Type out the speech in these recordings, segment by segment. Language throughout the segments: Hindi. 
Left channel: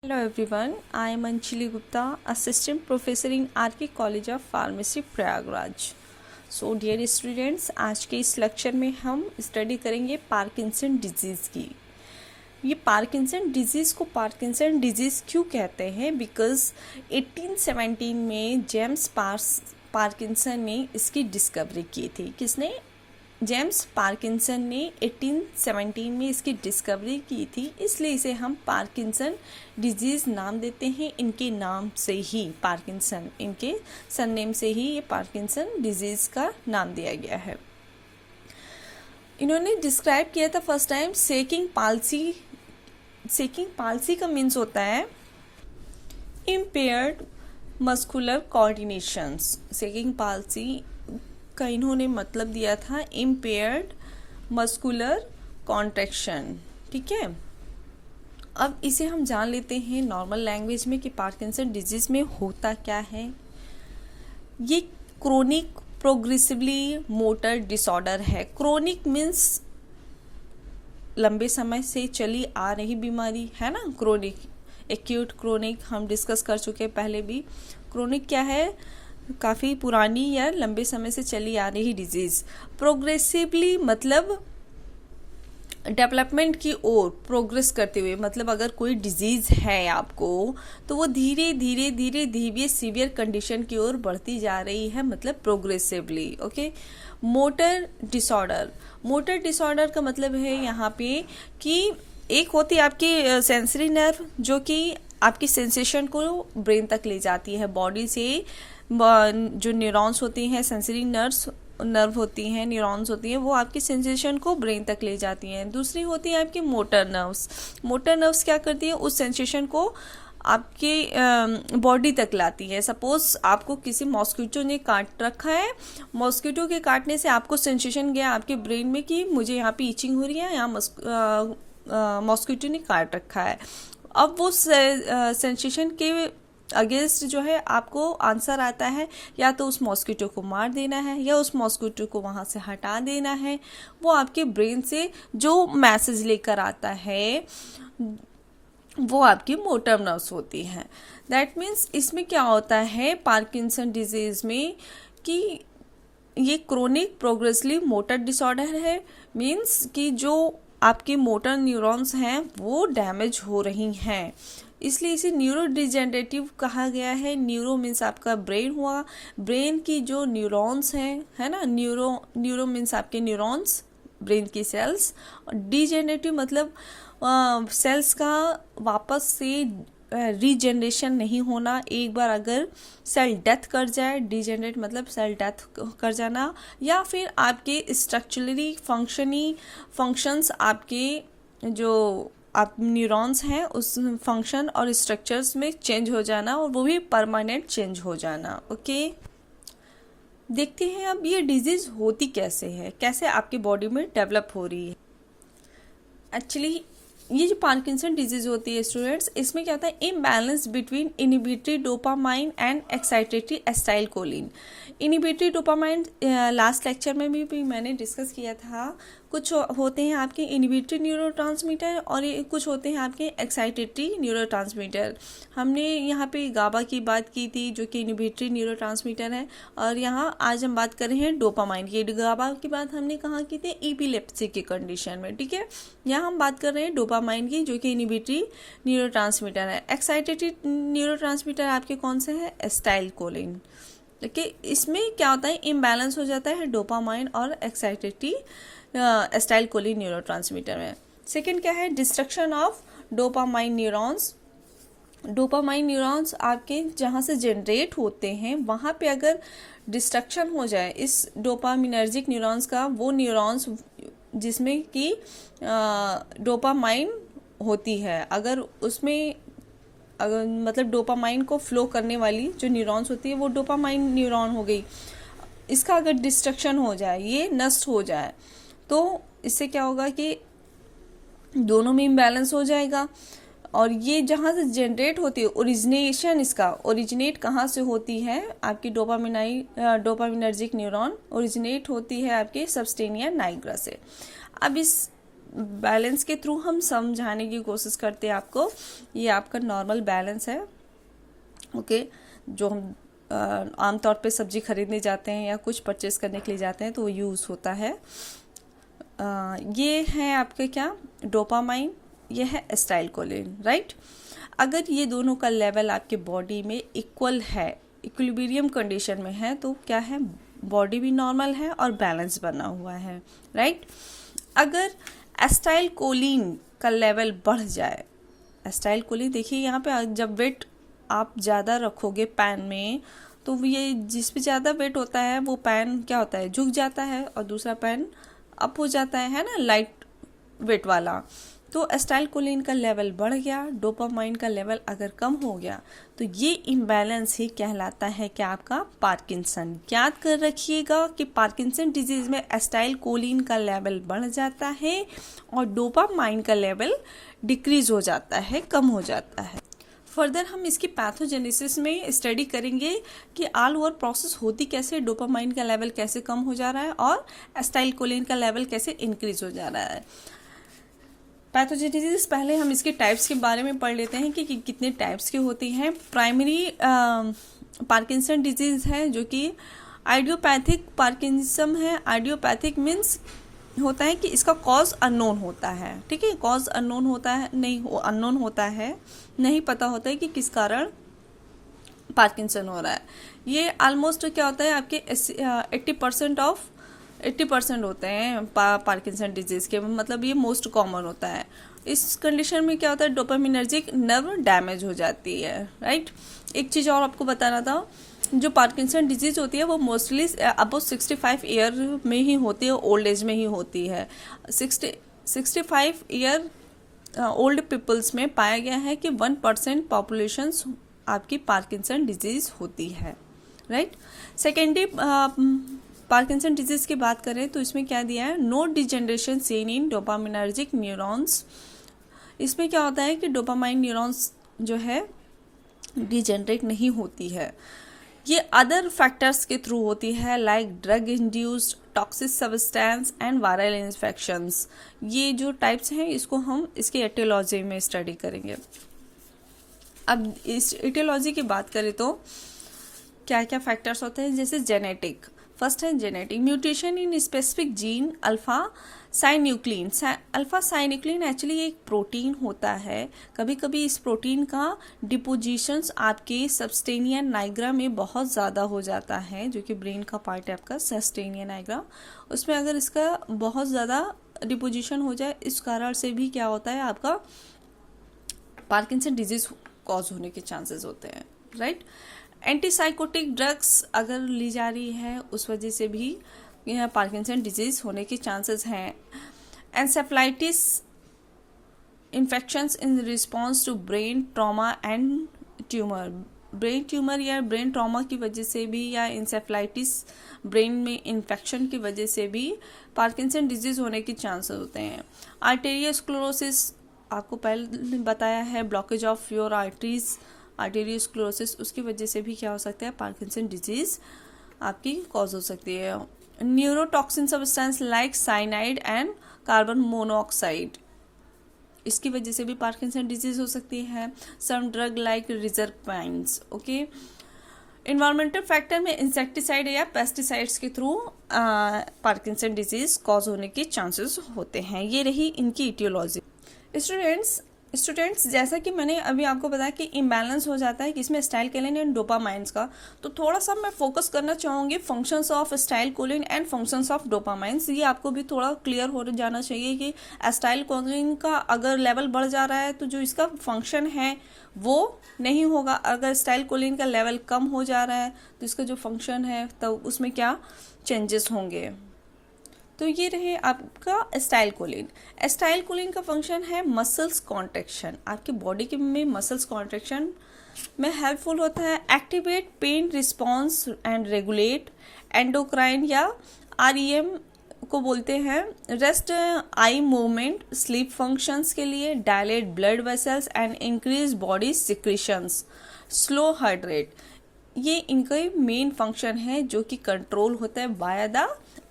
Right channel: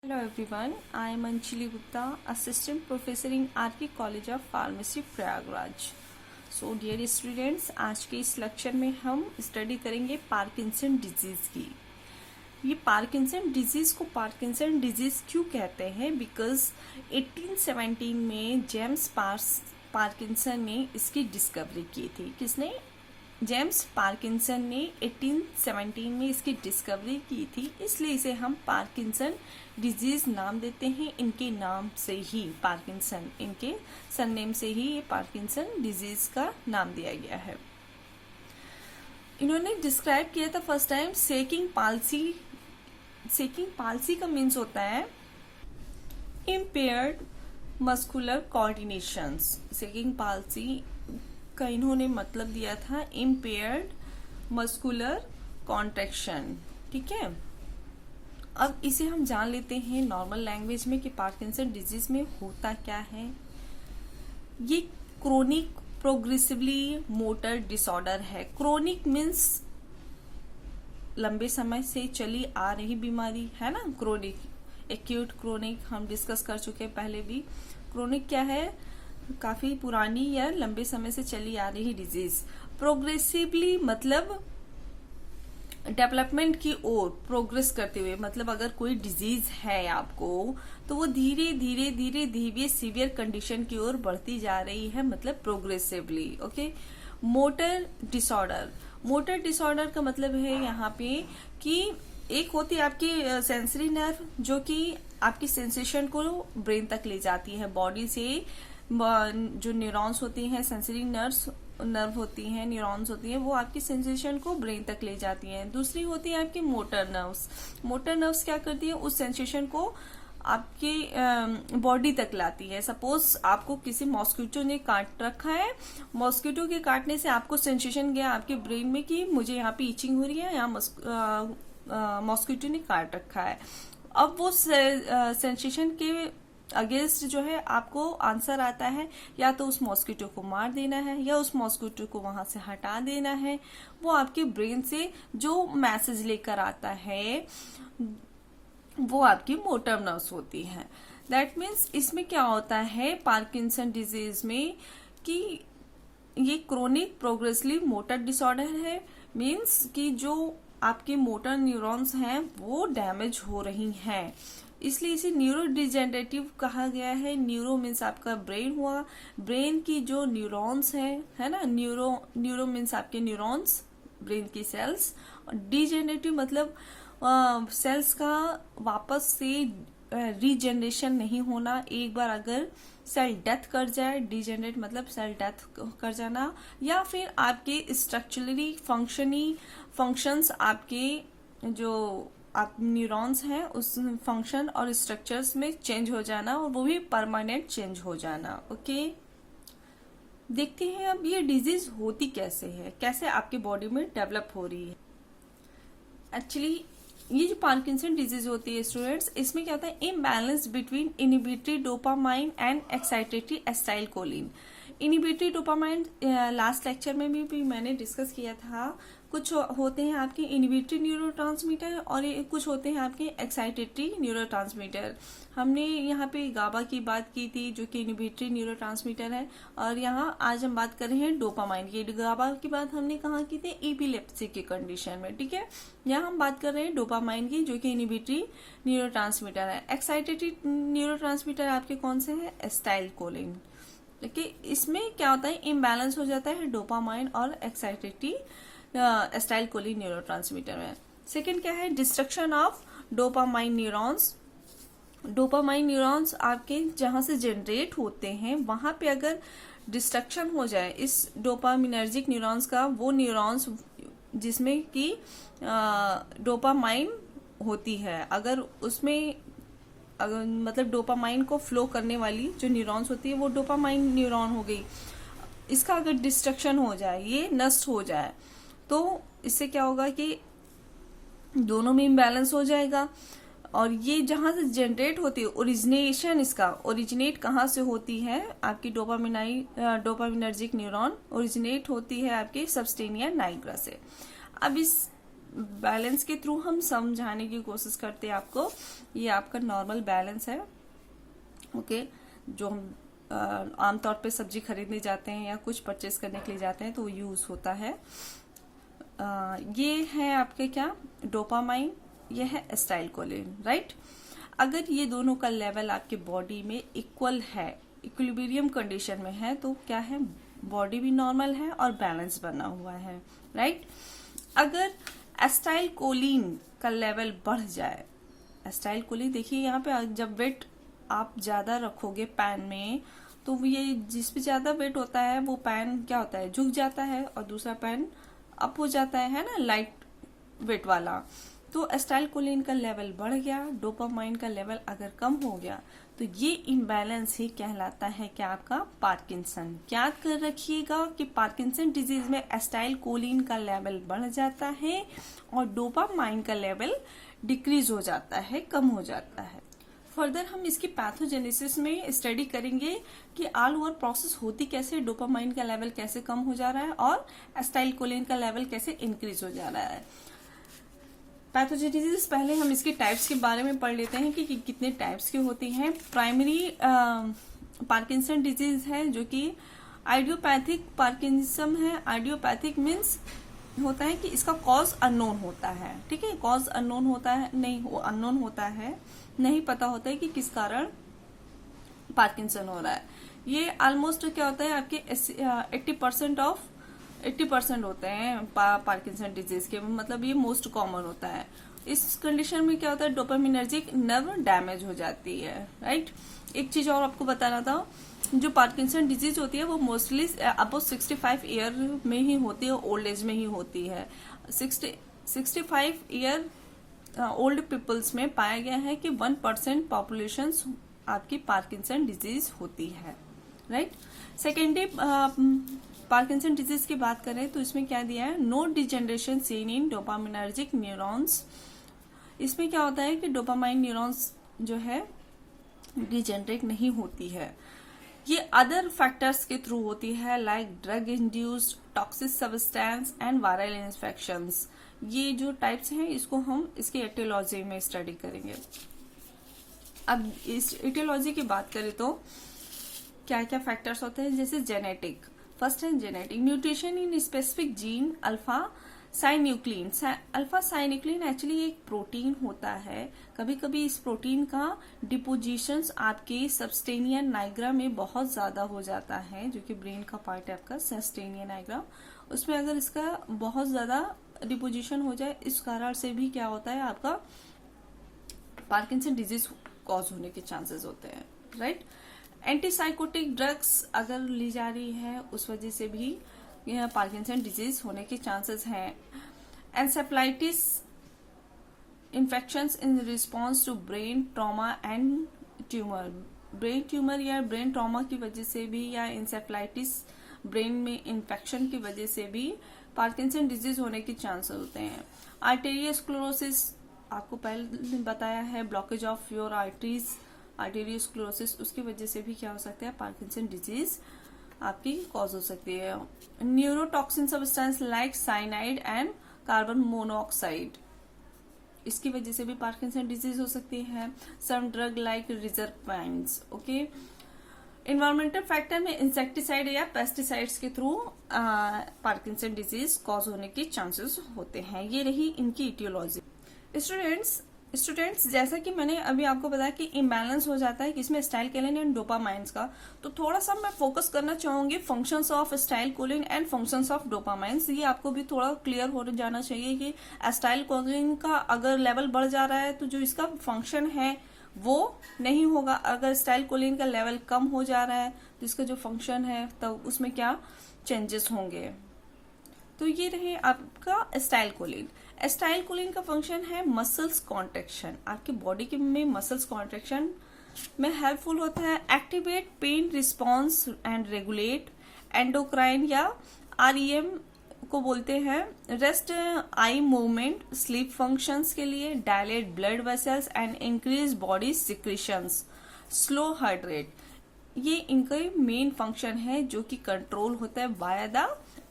Hello everyone, I am Anjali Gupta, Assistant Professor in RK College of Pharmacy, Prayagraj. So dear students, आज के इस लेक्चर में हम स्टडी करेंगे पार्किंसन डिजीज़ की। ये पार्किंसन डिजीज़ को पार्किंसन डिजीज़ क्यों कहते हैं? बिकॉज 1817 में जेम्स पार्किंसन ने इसकी डिस्कवरी की थी। किसने? जेम्स पार्किंसन ने 1817 में इसकी डिस्कवरी की थी, इसलिए इसे हम पार्किंसन डिजीज़ नाम देते हैं। इनके नाम से ही पार्किंसन, इनके सरनेम से ही ये पार्किंसन डिजीज़ का नाम दिया गया है। इन्होंने डिस्क्राइब किया था first time shaking palsy. Shaking palsy का मीन्स होता है impaired muscular coordinations. Shaking palsy का इन्होंने मतलब दिया था इम्पेयर्ड मस्कुलर कॉन्ट्रैक्शन। ठीक है, अब इसे हम जान लेते हैं नॉर्मल लैंग्वेज में कि पार्किंसन डिजीज में होता क्या है। ये क्रोनिक प्रोग्रेसिवली मोटर डिसऑर्डर है। क्रोनिक मीन्स लंबे समय से चली आ रही बीमारी है ना। क्रोनिक, एक्यूट, क्रोनिक हम डिस्कस कर चुके हैं पहले भी। क्रोनिक क्या है? काफ़ी पुरानी या लंबे समय से चली आ रही डिजीज़। प्रोग्रेसिवली मतलब डेवलपमेंट की ओर प्रोग्रेस करते हुए, मतलब अगर कोई डिजीज़ है आपको तो वो धीरे धीरे धीरे धीरे सीवियर कंडीशन की ओर बढ़ती जा रही है, मतलब progressively. Okay. Motor disorder, motor disorder का मतलब है यहाँ पे कि एक होती है आपकी सेंसरी नर्व जो कि आपकी सेंसेशन को ब्रेन तक ले जाती है। बॉडी से जो न्यूरॉन्स होती हैं, सेंसरी नर्व होती हैं, न्यूरॉन्स होती हैं, वो आपकी सेंसेशन को ब्रेन तक ले जाती हैं। दूसरी होती है आपकी मोटर नर्व्स। मोटर नर्व्स क्या करती है? उस सेंसेशन को आपके बॉडी तक लाती है। सपोज आपको किसी मॉस्किटो ने काट रखा है, मॉस्किटो के काटने से आपको सेंसेशन गया आपके ब्रेन में कि मुझे यहाँ पे इचिंग हो रही है, यहाँ मॉस्किटो ने काट रखा है। अब वो सेंसेशन के अगेंस्ट जो है आपको आंसर आता है, या तो उस मॉस्किटो को मार देना है या उस मॉस्किटो को वहां से हटा देना है। वो आपके ब्रेन से जो मैसेज लेकर आता है वो आपकी मोटर नर्व्स होती हैं। दैट मीन्स इसमें क्या होता है पार्किंसन डिजीज में कि ये क्रोनिक प्रोग्रेसिवली मोटर डिसऑर्डर है। मीन्स कि जो आपके मोटर न्यूरॉन्स हैं वो डैमेज हो रही हैं, इसलिए इसे न्यूरो डिजेनरेटिव कहा गया है। न्यूरो मीन्स आपका ब्रेन हुआ, ब्रेन की जो न्यूरॉन्स हैं, है ना। न्यूरो मीन्स आपके न्यूरॉन्स, ब्रेन की सेल्स। डिजेनरेटिव मतलब सेल्स का वापस से रीजनरेशन नहीं होना। एक बार अगर सेल डेथ कर जाए, डिजेनरेट मतलब सेल डेथ कर जाना, या फिर आपके स्ट्रक्चरली फंक्शंस आपके जो आप न्यूरॉन्स हैं उस फंक्शन और स्ट्रक्चर्स में चेंज हो जाना, और वो भी परमानेंट चेंज हो जाना। ओके, देखते हैं अब ये डिजीज होती कैसे है, कैसे आपकी बॉडी में डेवलप हो रही है। एक्चुअली ये जो पार्किंसन डिजीज होती है स्टूडेंट्स, इसमें क्या होता है imbalance between inhibitory dopamine and excitatory acetylcholine. Inhibitory dopamine last lecture में भी मैंने डिस्कस किया था। कुछ होते हैं आपके इनिबिटरी न्यूरोट्रांसमीटर और कुछ होते हैं आपके एक्साइटेटरी न्यूरोट्रांसमीटर। हमने यहाँ पे गाबा की बात की थी जो कि इनिबिटरी न्यूरोट्रांसमीटर है, और यहाँ आज हम बात कर रहे हैं डोपामाइन की। गाबा की बात हमने कहाँ की थी? एपिलेप्सी की कंडीशन में। ठीक है, यहाँ हम बात कर रहे हैं डोपामाइन की जो कि इनिबिटरी न्यूरोट्रांसमीटर है। एक्साइटेटरी न्यूरोट्रांसमीटर आपके कौन से है? एसिटाइलकोलिन। देखिए इसमें क्या होता है इम्बैलेंस हो जाता है डोपामाइन और एक्साइटेटरी एसिटाइलकोलिन न्यूरोट्रांसमीटर में। सेकेंड क्या है? Destruction of dopamine neurons. Dopamine neurons आपके जहाँ से जनरेट होते हैं वहाँ पे अगर डिस्ट्रक्शन हो जाए इस डोपामिनर्जिक न्यूरॉन्स का, वो न्यूरॉन्स जिसमें कि डोपामाइन होती है, अगर उसमें मतलब डोपामाइन को फ्लो करने वाली जो न्यूरॉन्स होती है वो डोपामाइन न्यूरॉन हो गई, इसका अगर डिस्ट्रक्शन हो जाए, ये नष्ट हो जाए, तो इससे क्या होगा कि दोनों में इम्बैलेंस हो जाएगा। और ये जहाँ से जनरेट होती है, ओरिजिनेशन इसका ओरिजिनेट कहाँ से होती है? आपकी डोपामिनर्जिक न्यूरॉन ओरिजिनेट होती है आपके सबस्टेनिया नाइग्रा से। अब इस बैलेंस के थ्रू हम समझाने की कोशिश करते हैं आपको। ये आपका नॉर्मल बैलेंस है, ओके, जो हम आमतौर पे सब्जी खरीदने जाते हैं या कुछ परचेस करने के लिए जाते हैं तो वो यूज़ होता है। ये है आपके क्या, डोपामाइन, ये है एसिटाइलकोलिन, राइट। अगर ये दोनों का लेवल आपके बॉडी में इक्वल है, इक्विलिब्रियम कंडीशन में है, तो क्या है, बॉडी भी नॉर्मल है और बैलेंस बना हुआ है, राइट। अगर एसिटाइलकोलिन का लेवल बढ़ जाए, एसिटाइलकोलिन देखिए यहाँ पे जब वेट आप ज़्यादा रखोगे पैन में, तो ये जिस पे ज़्यादा वेट होता है वो पैन क्या होता है, झुक जाता है, और दूसरा पैन अप हो जाता है ना, लाइट वेट वाला। तो एसिटाइलकोलिन का लेवल बढ़ गया, डोपामाइन का लेवल अगर कम हो गया, तो ये इम्बैलेंस ही कहलाता है कि आपका पार्किंसन। याद कर रखिएगा कि पार्किंसन डिजीज में एसिटाइलकोलिन का लेवल बढ़ जाता है और डोपामाइन का लेवल डिक्रीज हो जाता है, कम हो जाता है। फर्दर हम इसकी पैथोजेनेसिस में स्टडी करेंगे कि ऑल ओवर प्रोसेस होती कैसे, डोपामाइन का लेवल कैसे कम हो जा रहा है और एसिटाइलकोलिन का लेवल कैसे इंक्रीज हो जा रहा है। पैथोजेनेसिस पहले हम इसके टाइप्स के बारे में पढ़ लेते हैं कि कितने टाइप्स की होती हैं। प्राइमरी पार्किंसन डिजीज है जो कि आइडियोपैथिक पार्किंसम है। आइडियोपैथिक मीन्स होता है कि इसका कॉज अननोन होता है, ठीक है, कॉज अननोन होता है, नहीं वो अननोन होता है, नहीं पता होता है कि किस कारण पार्किंसन हो रहा है। ये ऑलमोस्ट क्या होता है आपके 80% होते हैं पार्किंसन डिजीज के, मतलब ये मोस्ट कॉमन होता है। इस कंडीशन में क्या होता है, डोपामिनर्जिक नर्व डैमेज हो जाती है, राइट। एक चीज और आपको बताना था, जो पार्किंसन डिजीज होती है वो मोस्टली अबव 65 ईयर में ही होती है, ओल्ड एज में ही होती है। 65 ईयर ओल्ड पीपल्स में पाया गया है कि 1% पॉपुलेशन आपकी पार्किंसन डिजीज होती है, राइट। सेकेंडरी पार्किंसन डिजीज की बात करें तो इसमें क्या दिया है, no degeneration seen in dopaminergic neurons. इसमें क्या होता है कि डोपामाइन न्यूरॉन्स जो है डिजेनरेट नहीं होती है। ये अदर फैक्टर्स के थ्रू होती है, like drug induced toxic substance and viral infections. ये जो टाइप्स हैं इसको हम इसके एटियोलॉजी में स्टडी करेंगे। अब इस एटियोलॉजी की बात करें तो क्या क्या फैक्टर्स होते हैं, जैसे जेनेटिक। फर्स्ट है genetic, mutation in specific gene alpha साइन्यूक्लिन। Alpha साइन्यूक्लिन actually एक प्रोटीन होता है। कभी कभी इस प्रोटीन का डिपोजिशंस आपके सबस्टेनिया नाइग्रा में बहुत ज़्यादा हो जाता है, जो कि ब्रेन का पार्ट है आपका सबस्टेनिया नाइग्रा। उसमें अगर इसका बहुत ज़्यादा डिपोजिशन हो जाए, इस कारण से भी क्या होता है, आपका पार्किंसन डिजीज कॉज होने के चांसेस होते हैं, राइट। एंटीसाइकोटिक ड्रग्स अगर ली जा रही है, उस वजह से भी यहाँ पार्किंसन डिजीज होने के चांसेस हैं। एंसेफ्लाइटिस infections in response to brain trauma and tumour. Brain tumour या ब्रेन ट्रॉमा की वजह से भी, या इंसेफ्लाइटिस ब्रेन में इन्फेक्शन की वजह से भी पार्किंसन डिजीज होने के चांसेस होते हैं। आर्टेरियोस्क्लेरोसिस आपको पहले बताया है, blockage of your arteries, arteriosclerosis, उसकी वजह से भी क्या हो सकता है, पार्किंसन डिजीज आपकी कॉज हो सकती है। Neurotoxin substance like cyanide and carbon monoxide, इसकी वजह से भी पार्किंसन डिजीज हो सकती है। सम drug like रिजरपाइन्स, okay. Environmental factor में इंसेक्टिसाइड या पेस्टिसाइड्स के थ्रू पार्किंसन डिजीज कॉज होने के चांसेस होते हैं। ये रही इनकी इटियोलॉजी। स्टूडेंट्स जैसा कि मैंने अभी आपको बताया कि इम्बैलेंस हो जाता है किसमें, एसिटाइलकोलिन एंड डोपामाइंस का, तो थोड़ा सा मैं फोकस करना चाहूंगी functions of acetylcholine and functions of डोपामाइंस। ये आपको भी थोड़ा क्लियर हो जाना चाहिए कि एसिटाइलकोलिन का अगर लेवल बढ़ जा रहा है तो जो इसका फंक्शन है वो नहीं होगा, अगर एसिटाइलकोलिन का लेवल कम हो जा रहा है तो इसका जो फंक्शन है तो उसमें क्या चेंजेस होंगे। तो ये रहे आपका एसिटाइलकोलिन। एसिटाइलकोलिन का फंक्शन है मसल्स कॉन्ट्रैक्शन, आपके बॉडी के में मसल्स कॉन्ट्रैक्शन में हेल्पफुल होता है। Activate pen response and regulate endocrine या REM को बोलते हैं। Rest eye movement, sleep functions के लिए, dilate blood vessels and increase body secretions, slow heart rate. ये इनका मेन फंक्शन है जो कि कंट्रोल होता है बाय द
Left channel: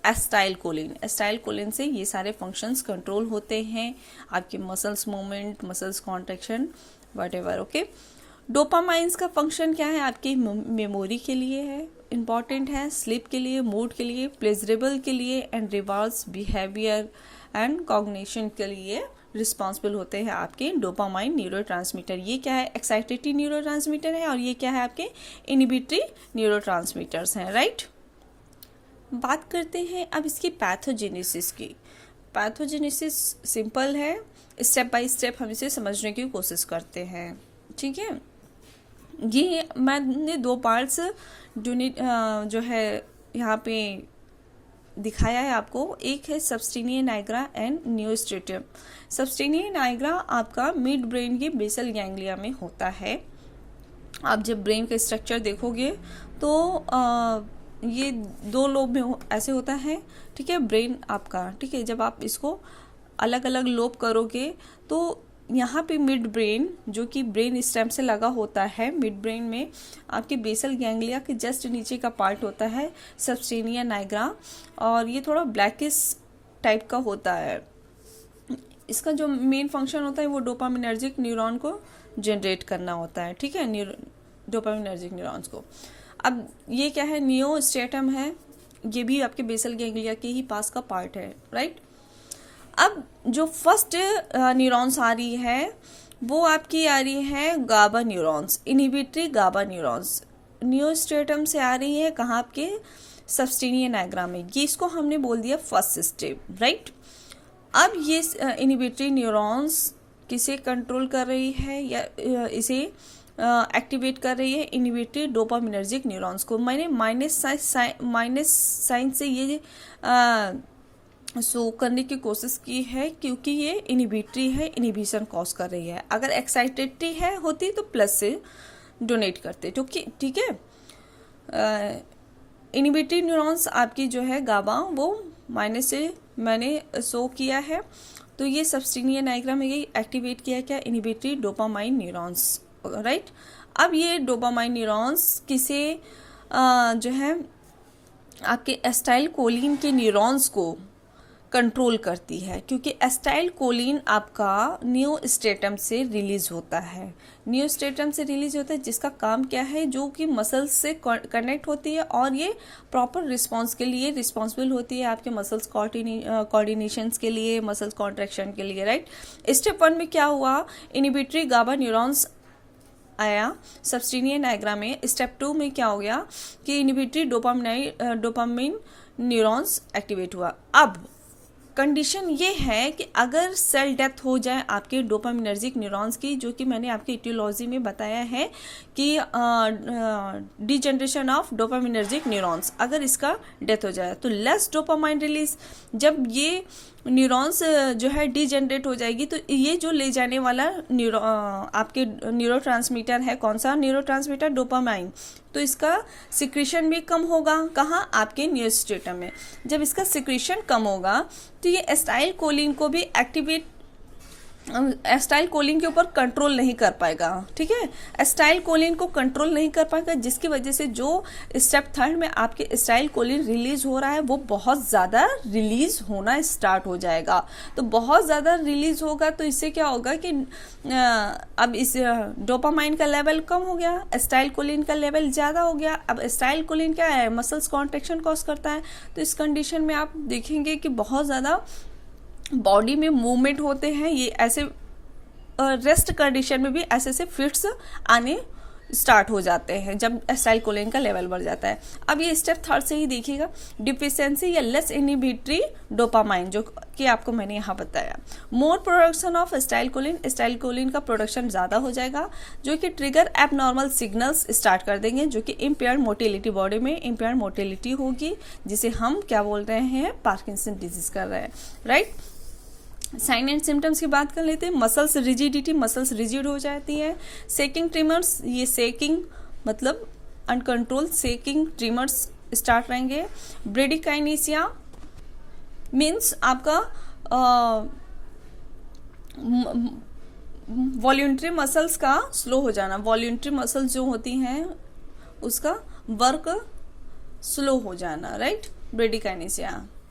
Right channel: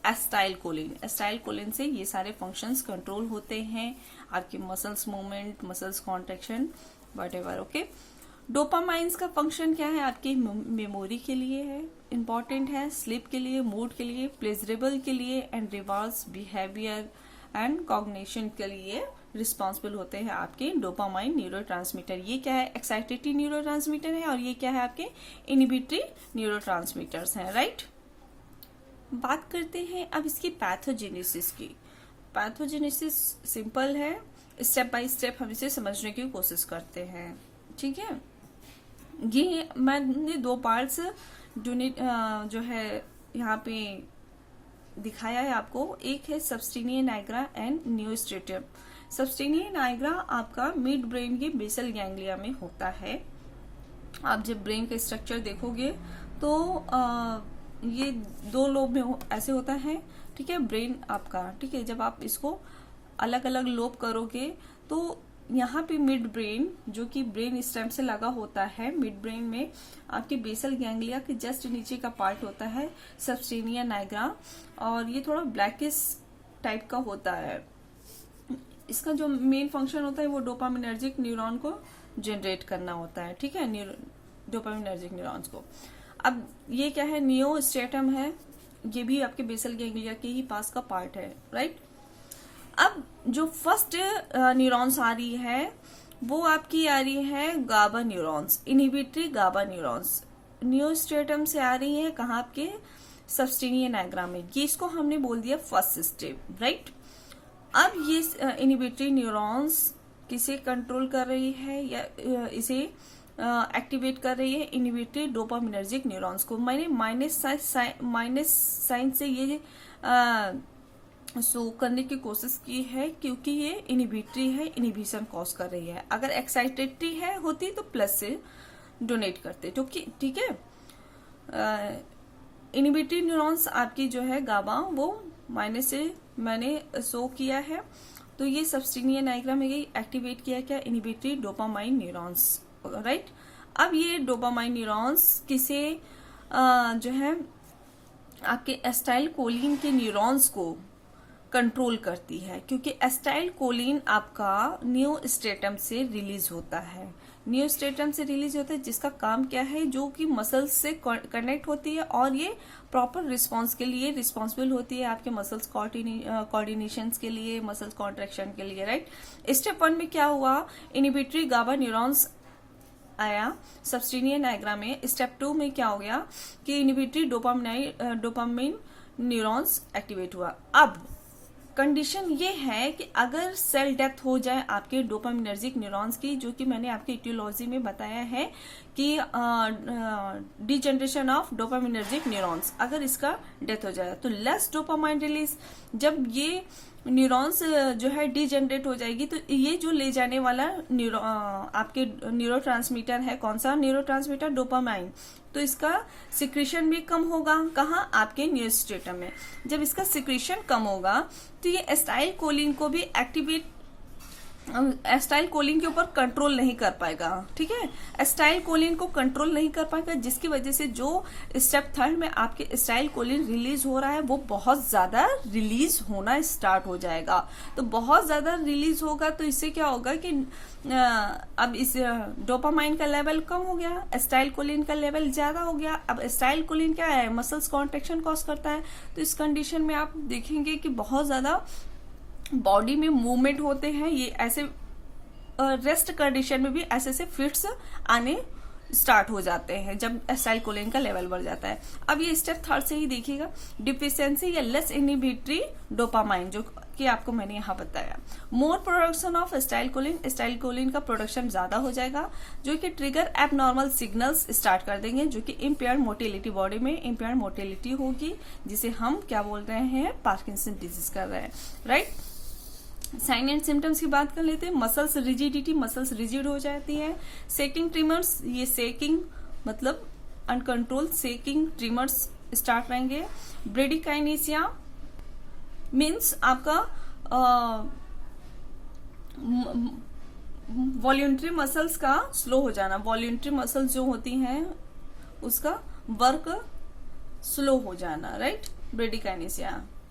एस्टाइल कोलिन से ये सारे फंक्शंस कंट्रोल होते हैं, आपके muscles movement, muscles contraction, whatever. Okay, डोपामाइंस का फंक्शन क्या है? आपकी मेमोरी के लिए है, इंपॉर्टेंट है, स्लीप के लिए, मूड के लिए, प्लेजरेबल के लिए and rewards, behaviour and cognition के लिए रिस्पॉन्सिबल होते हैं आपके डोपामाइन न्यूरोट्रांसमीटर। ये क्या है? एक्साइटेटरी न्यूरोट्रांसमीटर है और ये क्या है? आपके इनिबिटरी न्यूरोट्रांसमीटर्स हैं, राइट। बात करते हैं अब इसकी पैथोजेनेसिस की। पैथोजेनेसिस सिंपल है, स्टेप बाय स्टेप हम इसे समझने की कोशिश करते हैं, ठीक है। ये मैंने दो पार्ट्स जो है यहाँ पे दिखाया है आपको। एक है सबस्टेनिया नाइग्रा एंड नियोस्ट्रेटम। सबस्टेनिया नाइग्रा आपका मिड ब्रेन के बेसल गैंग्लिया में होता है। आप जब ब्रेन का स्ट्रक्चर देखोगे तो ये दो लोब में ऐसे होता है, ठीक है, ब्रेन आपका, ठीक है। जब आप इसको अलग अलग लोब करोगे तो यहाँ पे मिड ब्रेन जो कि ब्रेन स्टेम से लगा होता है, मिड ब्रेन में आपके बेसल गैंग्लिया के जस्ट नीचे का पार्ट होता है सबस्टेनिया नाइग्रा, और ये थोड़ा ब्लैकिश टाइप का होता है। इसका जो मेन फंक्शन होता है वो डोपामिनर्जिक न्यूरॉन को जनरेट करना होता है, ठीक है, डोपामिनर्जिक न्यूरॉन्स को। अब ये क्या है? नियोस्ट्रेटम है, ये भी आपके बेसल गैंग्लिया के ही पास का पार्ट है, राइट। अब जो फर्स्ट न्यूरॉन्स आ रही है वो आपकी आ रही है गाबा न्यूरॉन्स, इनहिबिटरी गाबा न्यूरॉन्स नियोस्ट्रेटम से आ रही है। कहाँ? आपके सबस्टेनिया नाइग्रा में। ये इसको हमने बोल दिया फर्स्ट स्टेप, राइट। अब ये इनहिबिटरी न्यूरॉन्स किसे कंट्रोल कर रही है या इसे एक्टिवेट कर रही है? इनहिबिटरी डोपामिनर्जिक न्यूरॉन्स को। मैंने माइनस साइन से ये शो करने की कोशिश की है क्योंकि ये इनहिबिटरी है, इनहिबिशन कॉज कर रही है। अगर एक्साइटेटरी है होती तो प्लस से डोनेट करते, ठीक है। इनहिबिटरी न्यूरॉन्स आपकी जो है गाबा वो माइनस से मैंने शो किया है, तो ये सबस्टेनिया नाइग्रा में ये एक्टिवेट किया क्या? Inhibitory dopamine neurons, right. अब ये डोपामाइन न्यूरॉन्स किसे जो है आपके एस्टाइल कोलिन के न्यूरॉन्स को कंट्रोल करती है, क्योंकि एस्टाइल कोलिन आपका नियोस्ट्रेटम से रिलीज होता है। नियोस्ट्रेटम से रिलीज होता है जिसका काम क्या है? जो कि मसल्स से कनेक्ट होती है और ये प्रॉपर रिस्पांस के लिए रिस्पॉन्सिबल होती है, आपके मसल्स कोऑर्डिनेशंस के लिए, मसल्स कॉन्ट्रैक्शन के लिए, राइट। स्टेप 1 में क्या हुआ? इनहिबिटरी गाबा न्यूरॉन्स आया सबस्टेनिया नाइग्रा में। स्टेप 2 में क्या हो गया कि इनहिबिटरी डोपामाइन न्यूरॉन्स एक्टिवेट हुआ। अब कंडीशन ये है कि अगर सेल डेथ हो जाए आपके डोपामिनर्जिक न्यूरॉन्स की, जो कि मैंने आपके इटियोलॉजी में बताया है कि डिजनरेशन ऑफ डोपामिनर्जिक न्यूरॉन्स, अगर इसका डेथ हो जाए तो लेस डोपामाइन रिलीज। जब ये न्यूरॉन्स जो है डिजनरेट हो जाएगी तो ये जो ले जाने वाला आपके न्यूरोट्रांसमीटर है, कौन सा न्यूरोट्रांसमीटर? डोपामाइन, तो इसका सिक्रीशन भी कम होगा। कहाँ? आपके नियोस्ट्रेटम में। जब इसका सिक्रीशन कम होगा तो ये एस्टाइल कोलिन को भी एस्टाइल कोलिन के ऊपर कंट्रोल नहीं कर पाएगा, ठीक है। एस्टाइल कोलिन को कंट्रोल नहीं कर पाएगा, जिसकी वजह से जो स्टेप 3 में आपके एस्टाइल कोलिन रिलीज हो रहा है वो बहुत ज्यादा रिलीज होना स्टार्ट हो जाएगा। तो बहुत ज्यादा रिलीज होगा तो इससे क्या होगा कि अब इस डोपामाइन का लेवल कम हो गया, एस्टाइल कोलिन का लेवल ज्यादा हो गया। अब एस्टाइल कोलिन क्या है? मसल्स कॉन्ट्रैक्शन कॉज करता है। तो इस कंडीशन में आप देखेंगे कि बहुत ज्यादा बॉडी में मूवमेंट होते हैं। ये ऐसे रेस्ट कंडीशन में भी ऐसे फिट्स आने स्टार्ट हो जाते हैं जब एस्टाइल कोलिन का लेवल बढ़ जाता है। अब ये स्टेप 3 से ही देखिएगा, डिफिशियंसी या लेस इनहिबिटरी डोपामाइन, जो कि आपको मैंने यहाँ बताया। मोर प्रोडक्शन ऑफ एस्टाइल कोलिन का प्रोडक्शन ज्यादा हो जाएगा, जो कि ट्रिगर एबनॉर्मल सिग्नल्स स्टार्ट कर देंगे, जो कि इम्पेयर्ड मोटिलिटी, बॉडी में इम्पेयर्ड मोटिलिटी होगी, जिसे हम क्या बोल रहे हैं? पार्किंसन डिजीज कर रहे हैं, राइट। साइन एंड सिम्टम्स की बात कर लेते हैं। मसल्स रिजिडिटी, मसल्स रिजिड हो जाती है। सेकिंग ट्रिमर्स, ये सेकिंग मतलब अनकंट्रोल सेकिंग ट्रिमर्स स्टार्ट रहेंगे। ब्रेडिकाइनेसिया मीन्स आपका वॉल्यूंट्री मसल्स का स्लो हो जाना। वॉल्यूंट्री मसल्स जो होती हैं उसका वर्क स्लो हो जाना, राइट, ब्रेडिकाइनेसिया।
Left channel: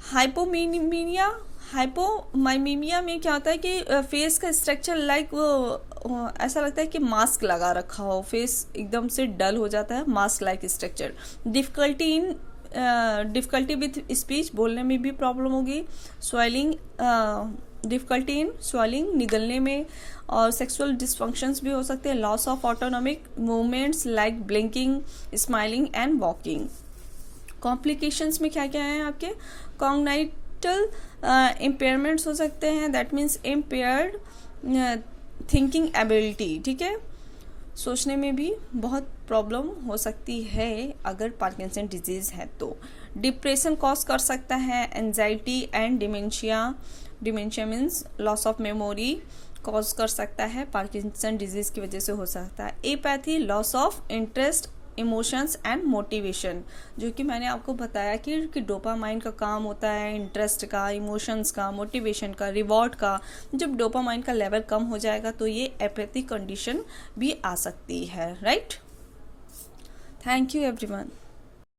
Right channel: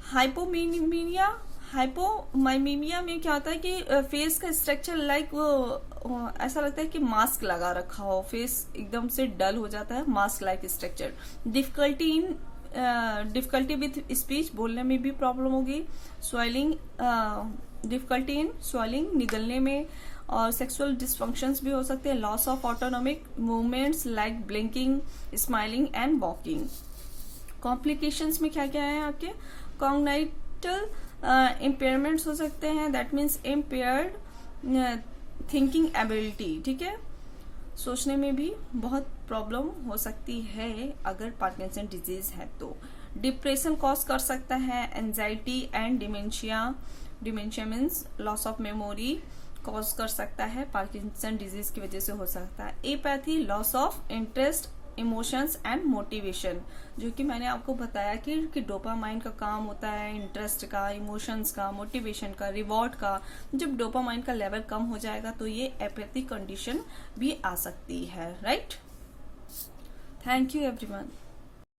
हाइपोमीमिया, हाइपोमाइमीमिया में क्या होता है कि फेस का स्ट्रक्चर लाइक वो ऐसा लगता है कि मास्क लगा रखा हो, फेस एकदम से डल हो जाता है, mask like structure. Difficulty with speech, बोलने में भी प्रॉब्लम होगी। स्वेलिंग, डिफिकल्टी इन स्वेलिंग, निगलने में, और सेक्सुअल डिसफंक्शंस भी हो सकते हैं। Loss of autonomic movements like blinking, smiling and walking. Complications में क्या क्या है आपके, कॉग्नाइटल इम्पेयरमेंट्स हो सकते हैं, that means impaired thinking ability, ठीक है, सोचने में भी बहुत प्रॉब्लम हो सकती है अगर पार्किंसन डिजीज है तो। डिप्रेशन कॉज कर सकता है, anxiety and dementia, dementia means loss of memory cause कर सकता है, पार्किंसन डिजीज की वजह से हो सकता है। Apathy, loss of interest, emotions and motivation, जो कि मैंने आपको बताया कि डोपामाइन का काम होता है, इंटरेस्ट का, इमोशंस का, मोटिवेशन का, रिवॉर्ड का। जब डोपामाइन का लेवल कम हो जाएगा तो ये एपैथी कंडीशन भी आ सकती है, राइट। Thank you everyone.